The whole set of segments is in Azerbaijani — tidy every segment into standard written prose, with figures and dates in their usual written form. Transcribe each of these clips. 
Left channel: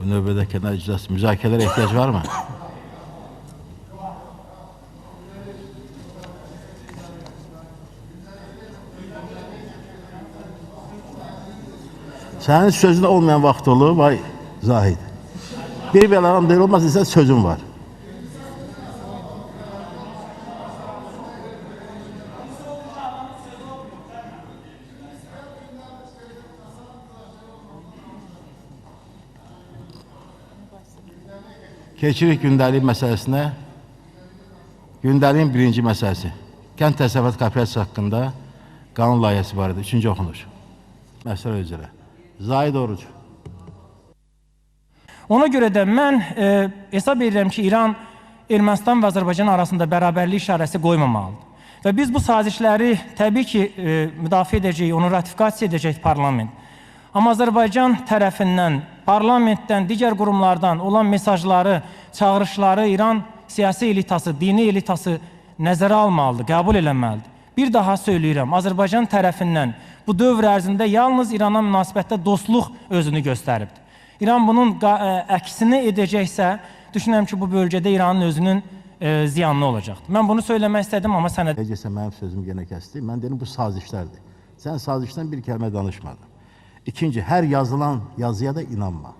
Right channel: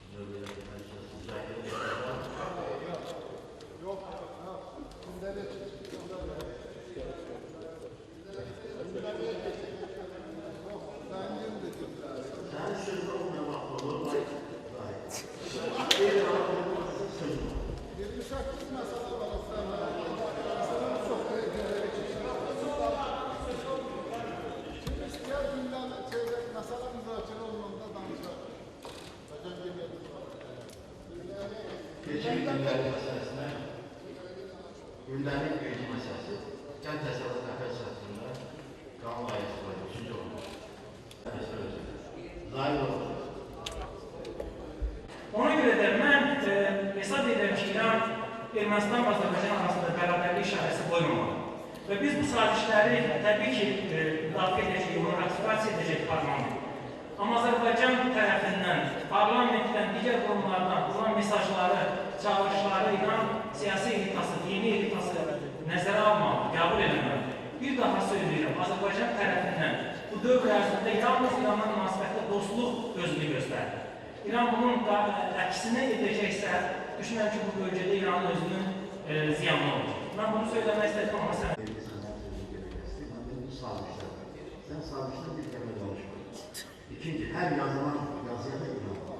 Növbədəki iclas müzakirələrə ehtiyac var mı? Sənin sözün olmayan vaxt olur, vay Zahid. Bir belə adam deyil olmaz ise sözün var. Keçirik gündəlik məsələsinə. Gündəliyin birinci məsələsi. Kənd təsərrüfatı kooperasiyası haqqında qanun layihəsi var idi. 3-cü oxunur. Məsələ üzrə. Zahid Oruc. Ona görə də mən hesab edirəm ki, İran, Ermənistan və Azərbaycan arasında bərabərlik işarəsi qoymamalıdır. Və biz bu sazişləri təbii ki, müdafiə edəcəyik, onu ratifikasiya edəcək parlament. Amma Azərbaycan tərəfindən, parlamentdən, digər qurumlardan olan mesajları, çağırışları İran siyasi elitası, dini elitası nəzərə almalıdır, qəbul eləməlidir. Bir daha söyləyirəm, Azərbaycan tərəfindən bu dövr ərzində yalnız İrana münasibətdə dostluq özünü göstəribdir. İran bunun əksini edəcəksə, düşünürəm ki, bu bölgədə İranın özünün ziyanlı olacaq. Mən bunu söyləmək istədim, amma sənə... Necəsə mənim sözümü yenə kəsdi. Mən dedim, bu sazişlərdir. Sən sazişdən bir kəlmə danışmadın. İkinci, hər yazılan yazıya da inanma.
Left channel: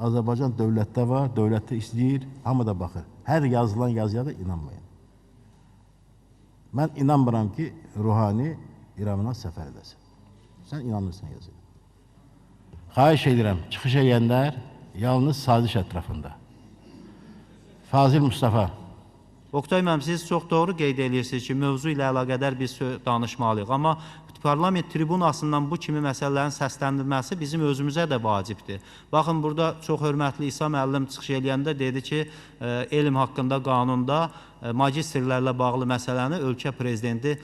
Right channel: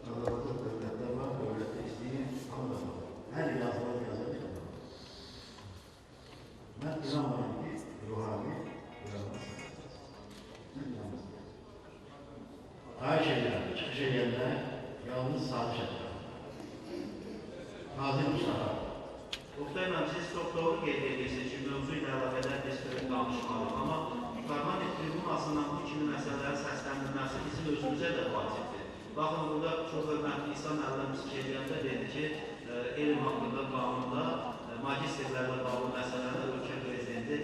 Azərbaycan dövlətdə var, dövlətdə istəyir, hamı da baxır. Hər yazılan yazıya da inanmayın. Mən inanmıram ki, Ruhani İrandan səfərdəsin. Sən inanmırsın yazı. Xahiş edirəm, çıxış edənlər yalnız saziş ətrafında. Fazil Mustafa. Oktay müəllim, siz çox doğru qeyd edirsiniz ki, mövzu ilə əlaqədar biz danışmalıyıq. Amma parlament tribunasından bu kimi məsələlərin səsləndirilməsi bizim özümüzə də vacibdir. Baxın, burada çox hörmətli İsa müəllim çıxış edəndə dedi ki, elm haqqında qanunda magistrlərlə bağlı məsələni ölkə prezidenti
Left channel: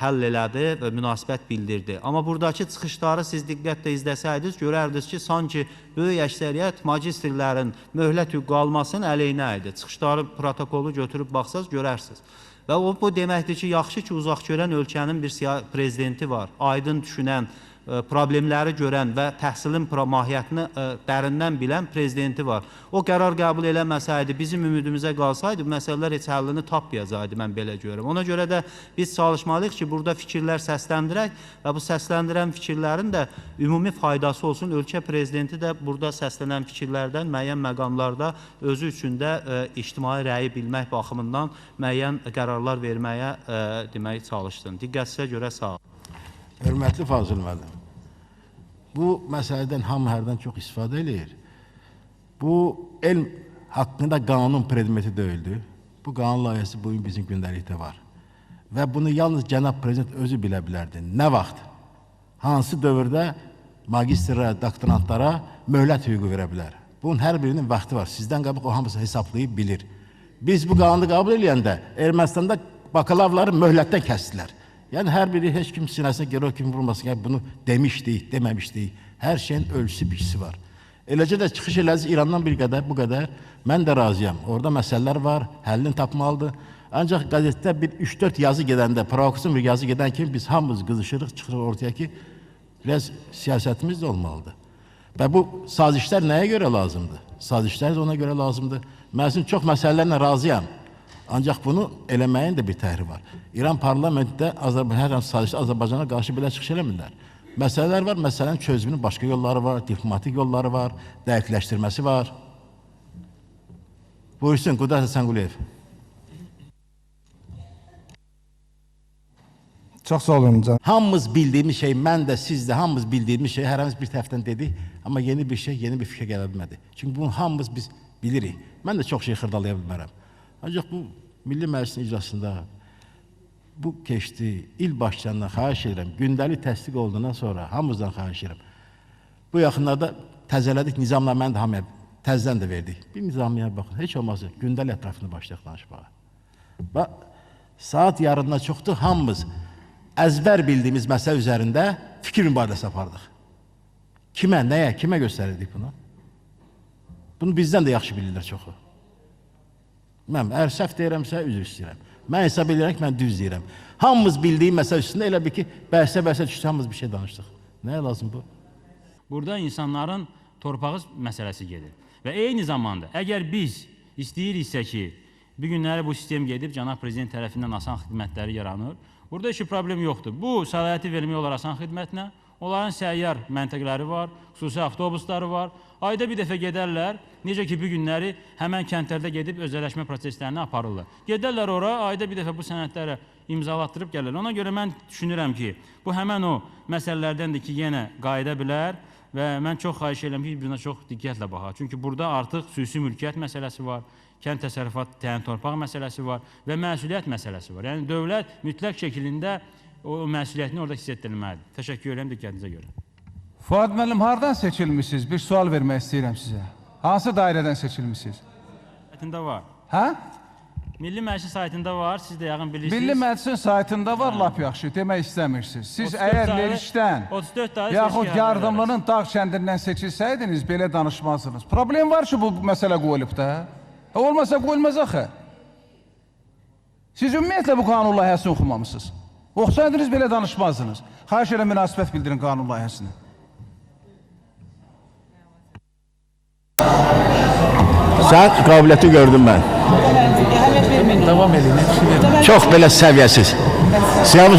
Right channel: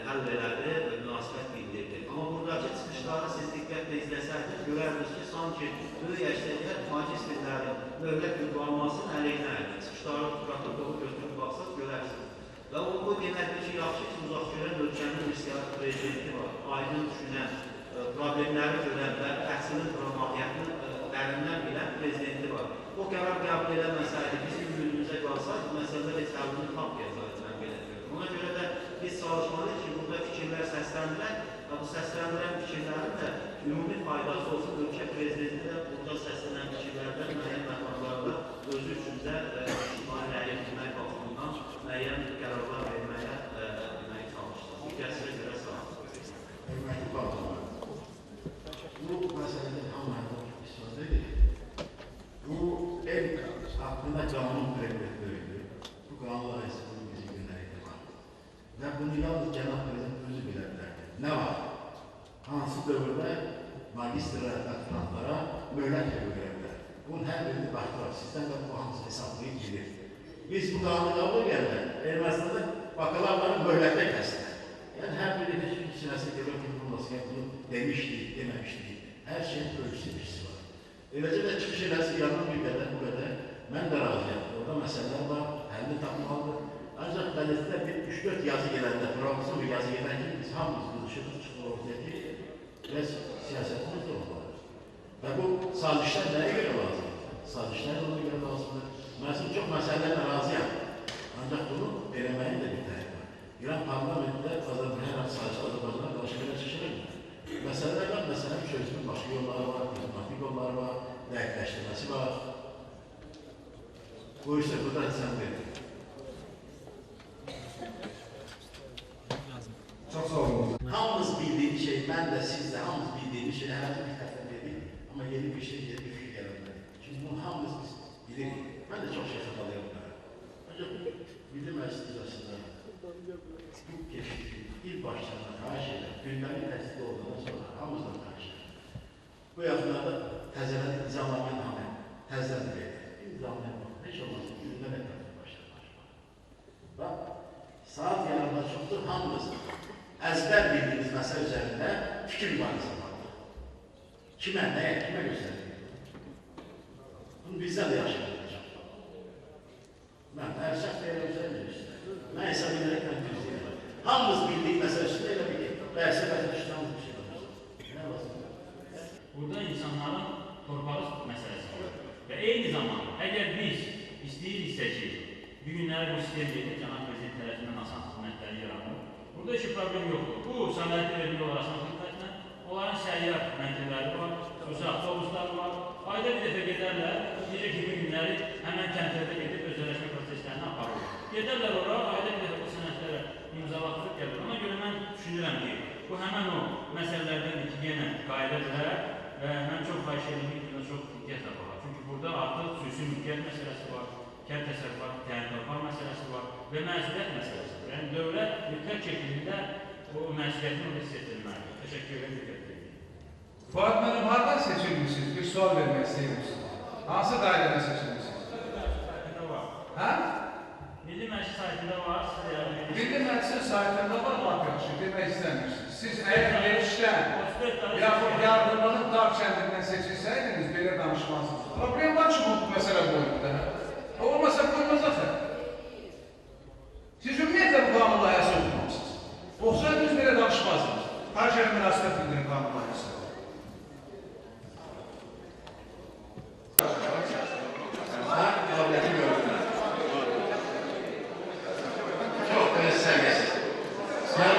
həll elədi və münasibət bildirdi. Amma buradakı çıxışları siz diqqətlə izləsəydiniz, görərdiniz ki, sanki böyük əksəriyyət magistrlərin möhlət hüququ almasının əleyhinə idi. Çıxışları, protokolu götürüb baxsaz görərsiniz. Və o, bu deməkdir ki, yaxşı ki, uzaq görən ölkənin bir prezidenti var, aydın düşünən, problemləri görən və təhsilin mahiyyətini dərindən bilən prezidenti var. O qərar qəbul eləməsəydi, bizim ümidimizə qalsaydı, məsələlər heç həllini tapmayacaqdı, mən belə görürəm. Ona görə də biz çalışmalıyıq ki, burada fikirlər səsləndirək və bu səsləndirən fikirlərin də ümumi faydası olsun. Ölkə prezidenti də burada səslənən fikirlərdən müəyyən məqamlarda özü üçün də ictimai rəyi bilmək baxımından müəyyən qərarlar verməyə demək çalışdım. Diqqətinizə görə sağ olun. Hörmətli Fazıl müəllim, bu məsələdən hamı hərdən çox istifadə edir. Bu, elm haqqında qanun predmeti deyildi. Bu qanun layihəsi bugün bizim gündəlikdə var. Və bunu yalnız cənab prezident özü bilə bilərdi. Nə vaxt, hansı dövrdə magistrlara, doktorantlara möhlət hüququ verə bilər. Bunun hər birinin vaxtı var. Sizdən qabaq o hamısı hesablayıb bilir. Biz bu qanunu qəbul edəndə Ermənistanda bakalavları möhlətdə kəsdilər. Yəni, hər biri heç kim sinəsinə görə o kimi vurmasın, yəni bunu demişdik, deməmişdik. Hər şeyin ölçüsü, biçisi var. Eləcə də çıxış eləyiz İrandan bir qədər, bu qədər. Mən də razıyam. Orada məsələlər var, həllini tapmalıdır. Ancaq qəzetdə bir 3-4 yazı gedəndə, provokasyon bir yazı gedən kimi biz hamımız qızışırıq, çıxırıq ortaya ki, biraz siyasətimiz də olmalıdır. Və bu sazişlər nəyə görə lazımdır? Sazişlər də ona görə lazımdır. Mən sizin çox məsələlərlə razıyam. Ancaq bunu eləməyin də bir təhri var. İran parlamentdə hər hansı sazişdə Azərbaycana qarşı belə çıxış eləmirlər. Məsələlər var, məsələnin çözümünün başqa yolları var, diplomatik yolları var, dəqiqləşdirməsi var. Buyursun, Qudrat Həsənquliyev. Çox sağ olun canım. Hamımız bildiyimiz şey, mən də, siz də hamımız bildiyimiz şey, hər hansı bir tərəfdən dedik, amma yeni bir şey, yeni bir fikir gələ bilmədi. Çünki bunu hamımız biz bilirik. Mən də çox şey xırdalaya bilmərəm. Ancaq bu Milli Məclisin iclasında bu keçdi, il başlarından xahiş edirəm, gündəlik təsdiq olduğundan sonra hamımızdan xahiş edirəm. Bu yaxınlarda təzələdik nizamla, mən də hamıya təzdən də verdik. Bir nizamlıya baxın, heç olmazsa gündəlik ətrafını başlayaq danışmağa. Bax, saat yarından çoxdur, hamımız əzbər bildiyimiz məsələ üzərində fikir mübadiləsi apardıq. Kimə, nəyə, kimə göstərirdik bunu? Bunu bizdən də yaxşı bilirlər çoxu. Mən əgər səhv deyirəmsə, üzr istəyirəm. Mən hesab edirəm ki, mən düz deyirəm. Hamımız bildiyi məsələ üstündə elə bir ki, bəhsə düşdü, hamımız bir şey danışdıq. Nəyə lazım bu? Burada insanların torpağı məsələsi gedir. Və eyni zamanda əgər biz istəyiriksə ki, bu günləri bu sistem gedib, cənab prezident tərəfindən asan xidmətləri yaranır. Burada heç problem yoxdur. Bu səlahiyyəti vermək olar asan xidmətlə. Onların səyyar məntəqələri var, xüsusi avtobusları var. Ayda bir dəfə gedərlər, necə ki, bu günləri həmən kəndlərdə gedib özəlləşmə proseslərini aparırlar. Gedərlər ora, ayda bir dəfə bu sənədləri imzalatdırıb gəlirlər. Ona görə mən düşünürəm ki, bu həmən o məsələlərdəndir ki, yenə qayıda bilər və mən çox xahiş edirəm ki, buna çox diqqətlə baxaq. Çünki burada artıq xüsusi mülkiyyət məsələsi var, kənd təsərrüfat təyin torpaq məsələsi var və məsuliyyət məsələsi var. Yəni, dövlət mütləq şəkildə o məsuliyyətini orada hiss etdirilməlidir. Təşəkkür edirəm diqqətinizə görə. Fuad müəllim, hardan seçilmişsiniz? Bir sual vermək istəyirəm sizə. Hansı dairədən seçilmişsiniz? Saytında var. Hə? Milli Məclis saytında var, siz də yəqin bilirsiniz. Milli Məclisin saytında var, lap yaxşı, demək istəmirsiniz. Siz əgər verişdən, yaxud yardımlının dağ kəndindən seçilsəydiniz, belə danışmazsınız. Problem var ki, bu məsələ qoyulub da. Olmasa qoyulmaz axı. Siz ümumiyyətlə bu qanun layihəsini oxumamışsınız. Oxusaydınız, belə danışmazsınız. Xahiş edirəm, münasibət bildirin qanun layihəsini. Sən qabiliyyəti gördüm mən. Davam edin. Çox belə səviyyəsiz.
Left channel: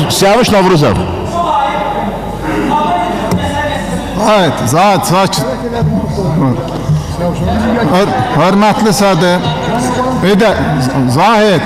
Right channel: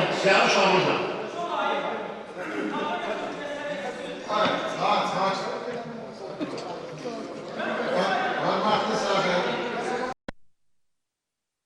Siyavuş Novruzov. Evet, sakit. Hörmətli Sədir. Zahid.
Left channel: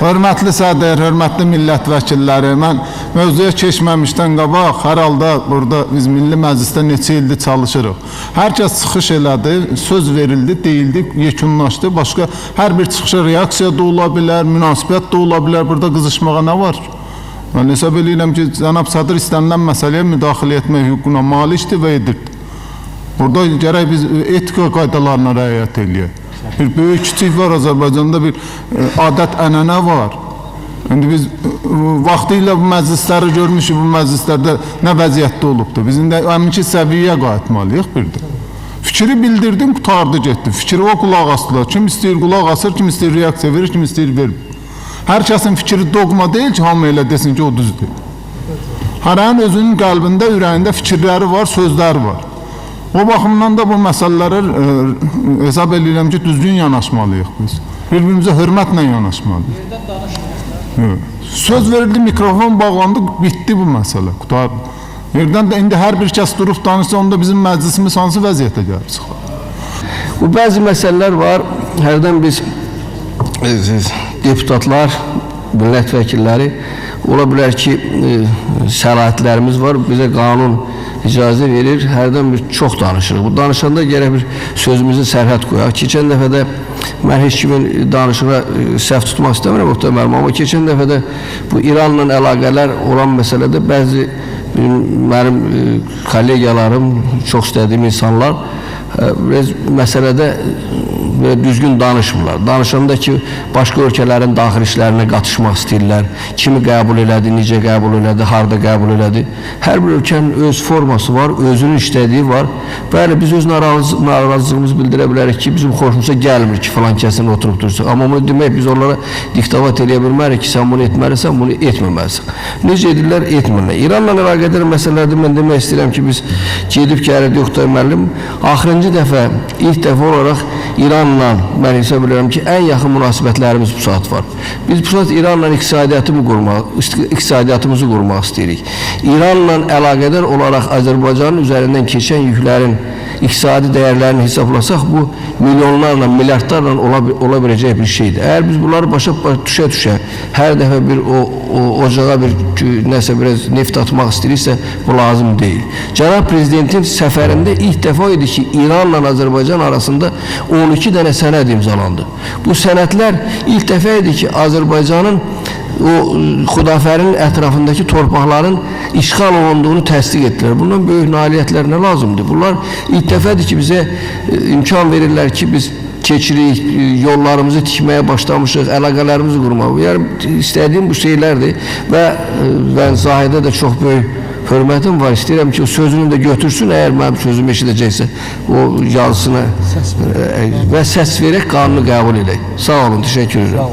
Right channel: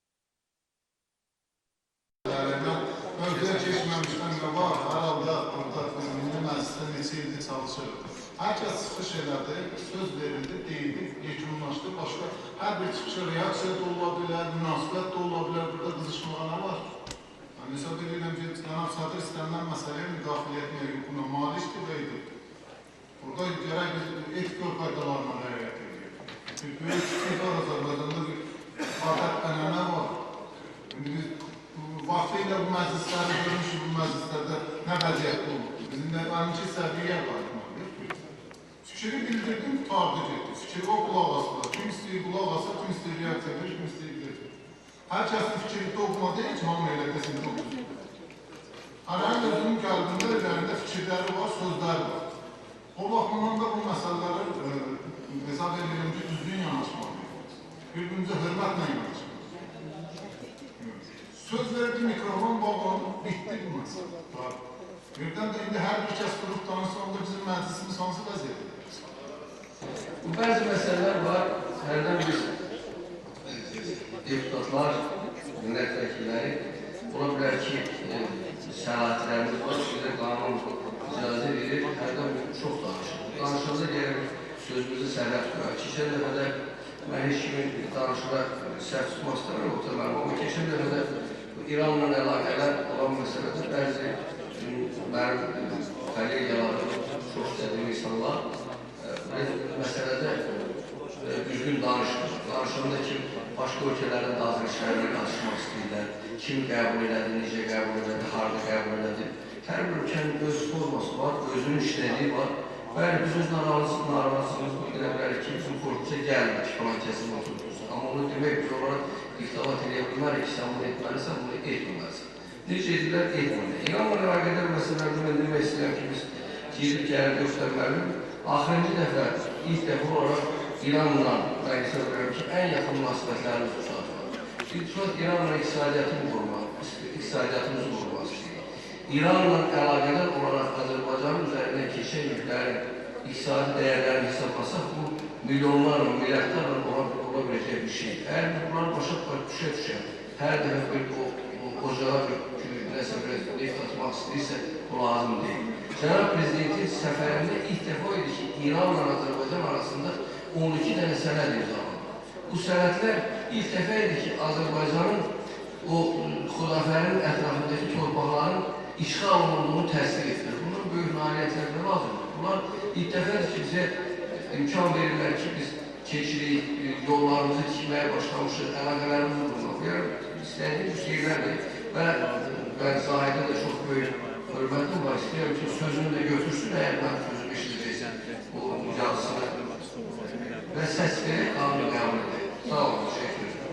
Hörmətli Sədir, hörmətli millət vəkilləri, mən mövzuya keçməmişdən qabaq, hər halda burada biz Milli Məclisdə neçə ildir çalışırıq. Hər kəs çıxış elədi, söz verildi, deyildi, yekunlaşdı. Başqa hər bir çıxışa reaksiya da ola bilər, münasibət də ola bilər. Burada qızışmağa nə var? Mən hesab edirəm ki, cənab Sədir istənilən məsələyə müdaxilə etmək hüququna malikdir və edirdi. Burada gərək biz etika qaydalarına riayət eləyək. Bir böyük kiçik var Azərbaycanda, bir adət-ənənə var. İndi biz vaxtilə bu məclisləri görmüşük, bu məclislərdə nə vəziyyətdə olubdur. Biz indi əminki səviyyəyə qayıtmalıyıq bir də. Fikri bildirdim, qutardı getdi. Fikri o qulaq asdılar. Kim istəyir qulaq asır, kim istəyir reaksiya verir, kim istəyir vermir. Hər kəsin fikri dogma deyil ki, hamı elə desin ki, o düzdür. Hərənin özünün qəlbində, ürəyində fikirləri var, sözləri var. O baxımdan da bu məsələlərə hesab edirəm ki, düzgün yanaşmalıyıq biz. Bir-birimizə hörmətlə yanaşmalıyıq. Söz verildi, mikrofon bağlandı, bitdi bu məsələ, qutardı. Yerdən də indi hər bir kəs durub danışsa, onda bizim məclisimiz hansı vəziyyətə gəlib çıxar? Bu bəzi məsələlər var, hərdən biz deputatlar, millət vəkilləri, ola bilər ki, səlahiyyətlərimiz var, bizə qanun icazə verir, hərdən bir çox danışırıq. Bu danışanda gərək bir sözümüzü sərhəd qoyaq. Keçən dəfə də mən heç kimin danışığa səhv tutmaq istəmirəm, muhtemelen, amma keçən dəfə də bu İranla əlaqələr olan məsələdə bəzi mənim kollegiyalarım, çox istədiyim insanlar məsələdə düzgün danışmırlar. Danışanda ki, başqa ölkələrin daxil işlərinə qatışmaq istəyirlər. Kimi qəbul elədi, necə qəbul elədi, harada qəbul elədi. Hər bir ölkənin öz forması var, özünün işlədiyi var. Bəli, biz öz narazılığımızı bildirə bilərik ki, bizim xoşumuza gəlmir ki, falan kəsin oturub dursa. Amma bunu demək, biz onlara diktavat eləyə bilmərik ki, sən bunu etməlisən, bunu etməməlisən. Necə edirlər, etmirlər. İranla əlaqədar məsələlərdə mən demək istəyirəm ki, biz gedib gəlirdik, Oqtay müəllim, axırıncı dəfə, ilk dəfə olaraq İranla, mən hesab edirəm ki, ən yaxın münasibətlərimiz bu saat var. Biz bu saat İranla iqtisadiyyatımızı qurmaq istəyirik. İranla əlaqədar olaraq Azərbaycanın üzərindən keçən yüklərin iqtisadi dəyərlərini hesablasaq, bu milyonlarla, milyardlarla ola biləcək bir şeydir. Əgər biz bunları başa düşə-düşə, hər dəfə bir ocağa nəsə biraz neft atmaq istəyiriksə, bu lazım deyil. Cənab Prezidentin səfərində ilk dəfə idi ki, İranla Azərbaycan arasında 12 dənə sənəd imzalandı. Bu sənədlər ilk dəfə idi ki, Azərbaycanın o Xudafərin ətrafındakı torpaqların işğal olunduğunu təsdiq etdilər. Bundan böyük nailiyyətlər nə lazımdır? Bunlar ilk dəfədir ki, bizə imkan verirlər ki, biz keçirik, yollarımızı tikməyə başlamışıq, əlaqələrimizi qurmaq. Yəni, istədiyim bu şeylərdir və Zahidə də çox böyük hörmətim var. İstəyirəm ki, o sözünü də götürsün, əgər mənim sözümü eşidəcəksə, o yazısına və səs verək, qanunu qəbul edək. Sağ olun, təşəkkür edirəm.